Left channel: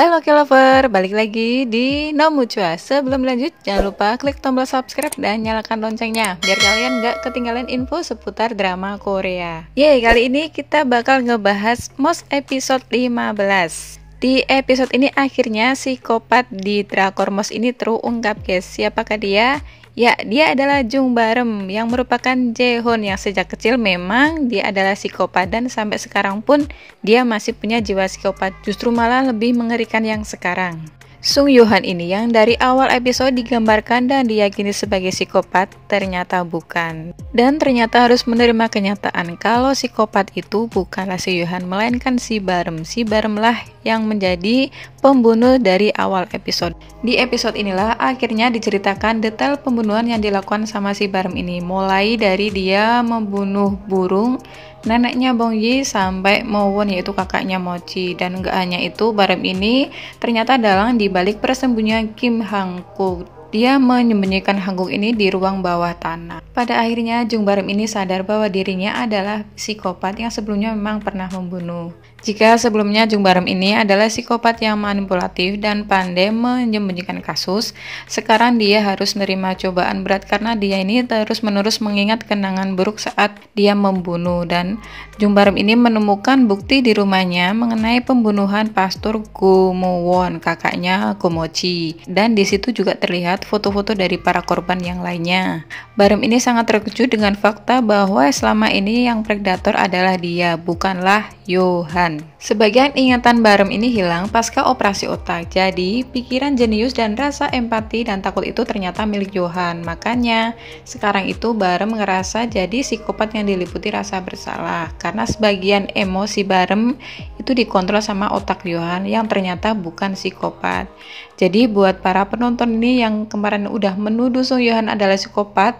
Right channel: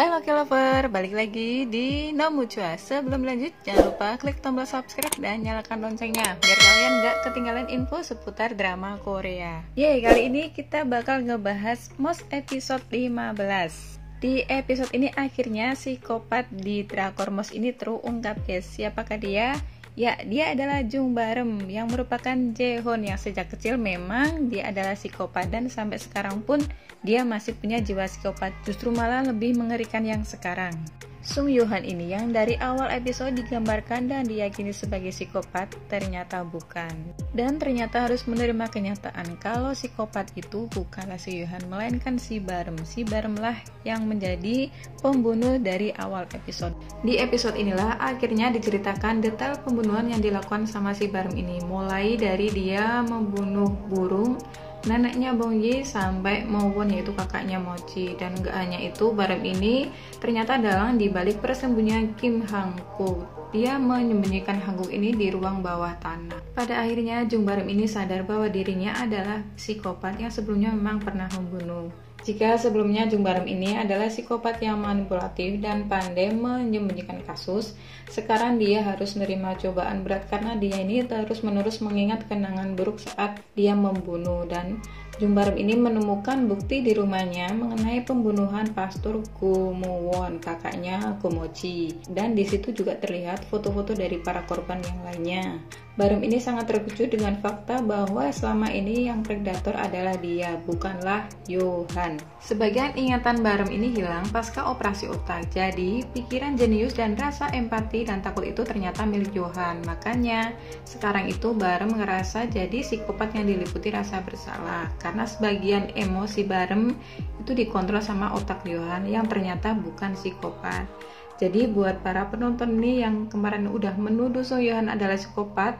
Halo K-Lover, balik lagi di Nomucua. Sebelum lanjut, jangan lupa klik tombol subscribe dan nyalakan loncengnya biar kalian gak ketinggalan info seputar drama Korea. Yeay, kali ini kita bakal ngebahas MOS episode 15. Di episode ini akhirnya psikopat di drakor MOS ini terungkap guys. Siapakah dia? Ya, dia adalah Jung Barem yang merupakan Jaehoon yang sejak kecil memang dia adalah psikopat dan sampai sekarang pun dia masih punya jiwa psikopat, justru malah lebih mengerikan yang sekarang. Sung Yohan ini yang dari awal episode digambarkan dan diyakini sebagai psikopat ternyata bukan. Dan ternyata harus menerima kenyataan kalau psikopat itu bukanlah si Yohan melainkan si Barem. Si Barem lah yang menjadi pembunuh dari awal episode. Di episode inilah akhirnya diceritakan detail pembunuhan yang dilakukan sama si Barem ini. Mulai dari dia membunuh burung, neneknya Bong Yi sampai Mowon yaitu kakaknya Mochi. Dan gak hanya itu, Barem ini ternyata dalang di balik persembunyian Kim Hang-kuk. Dia menyembunyikan Hang-kuk ini di ruang bawah tanah. Pada akhirnya Jung Barem ini sadar bahwa dirinya adalah psikopat yang sebelumnya memang pernah membunuh. Jika sebelumnya Jung Barem ini adalah psikopat yang manipulatif dan pandai menyembunyikan kasus, sekarang dia harus menerima cobaan berat karena dia ini terus-menerus mengingat kenangan buruk saat dia membunuh. Dan Jung Barem ini menemukan bukti di rumahnya mengenai pembunuhan Pastor Go Mo-won, kakaknya Go Mochi. Dan di situ juga terlihat foto-foto dari para korban yang lainnya. Barem ini sangat terkejut dengan fakta bahwa selama ini yang predator adalah dia, bukanlah Yohan. Sebagian ingatan Barem ini hilang pasca operasi otak, jadi pikiran jenius dan rasa empati dan takut itu ternyata milik Yohan. Makanya sekarang itu Barem ngerasa jadi psikopat yang diliputi rasa bersalah karena sebagian emosi Barem itu dikontrol sama otak Yohan yang ternyata bukan psikopat. Jadi buat para penonton ini yang kemarin udah menuduh Sung Yohan adalah psikopat,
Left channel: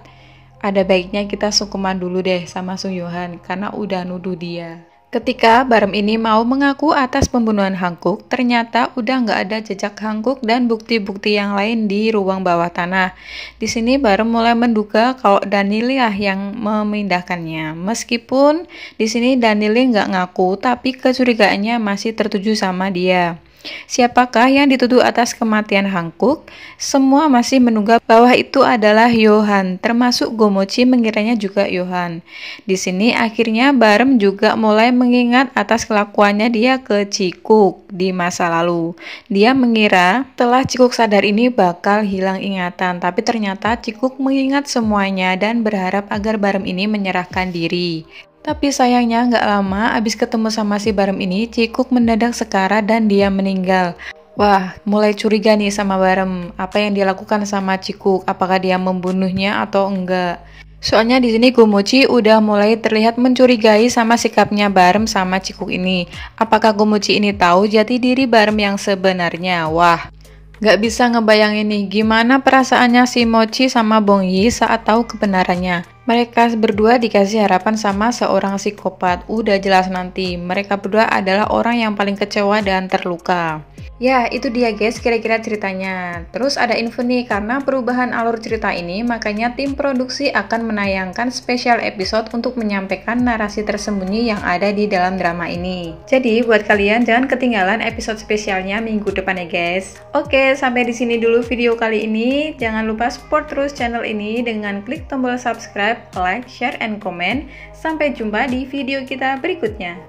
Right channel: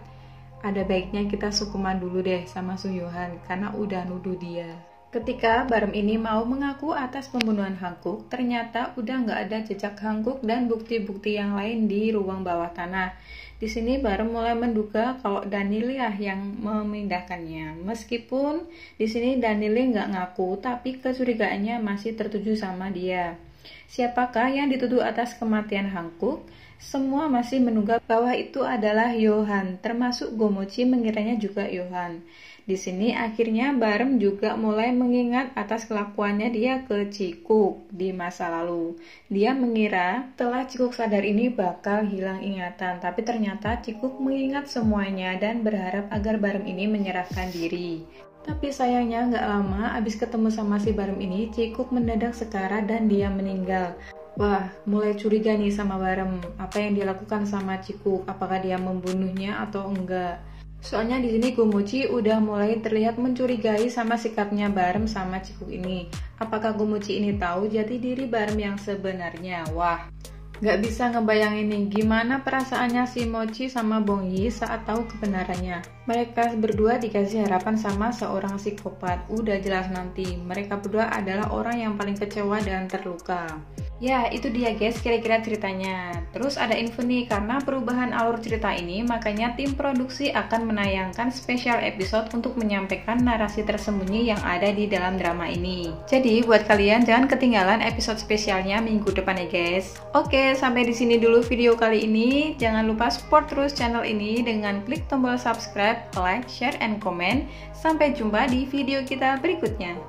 ada baiknya kita sungkeman dulu deh sama Sung Yohan karena udah nuduh dia. Ketika Barem ini mau mengaku atas pembunuhan Hang-kuk, ternyata udah nggak ada jejak Hang-kuk dan bukti-bukti yang lain di ruang bawah tanah. Di sini Barem mulai menduga kalau Danili lah yang memindahkannya. Meskipun di sini Danili nggak ngaku, tapi kecurigaannya masih tertuju sama dia. Siapakah yang dituduh atas kematian Hang-kuk? Semua masih menduga bahwa itu adalah Yohan, termasuk Go Mochi mengiranya juga Yohan. Di sini akhirnya Barem juga mulai mengingat atas kelakuannya dia ke Cikuk di masa lalu. Dia mengira setelah Cikuk sadar ini bakal hilang ingatan, tapi ternyata Cikuk mengingat semuanya dan berharap agar Barem ini menyerahkan diri. Tapi sayangnya nggak lama abis ketemu sama si Barem ini, Cikuk mendadak sekarat dan dia meninggal. Wah, mulai curiga nih sama Barem. Apa yang dia lakukan sama Cikuk? Apakah dia membunuhnya atau enggak? Soalnya di sini Go Mochi udah mulai terlihat mencurigai sama sikapnya Barem sama Cikuk ini. Apakah Go Mochi ini tahu jati diri Barem yang sebenarnya? Wah, gak bisa ngebayangin nih gimana perasaannya si Mochi sama Bong Yi saat tahu kebenarannya. Mereka berdua dikasih harapan sama seorang psikopat. Udah jelas nanti mereka berdua adalah orang yang paling kecewa dan terluka. Ya, itu dia guys kira-kira ceritanya. Terus ada info nih, karena perubahan alur cerita ini, makanya tim produksi akan menayangkan spesial episode untuk menyampaikan narasi tersembunyi yang ada di dalam drama ini. Jadi buat kalian jangan ketinggalan episode spesialnya minggu depan ya guys. Oke, sampai di sini dulu video kali ini. Jangan lupa support terus channel ini dengan klik tombol subscribe, like, share, and comment. Sampai jumpa di video kita berikutnya.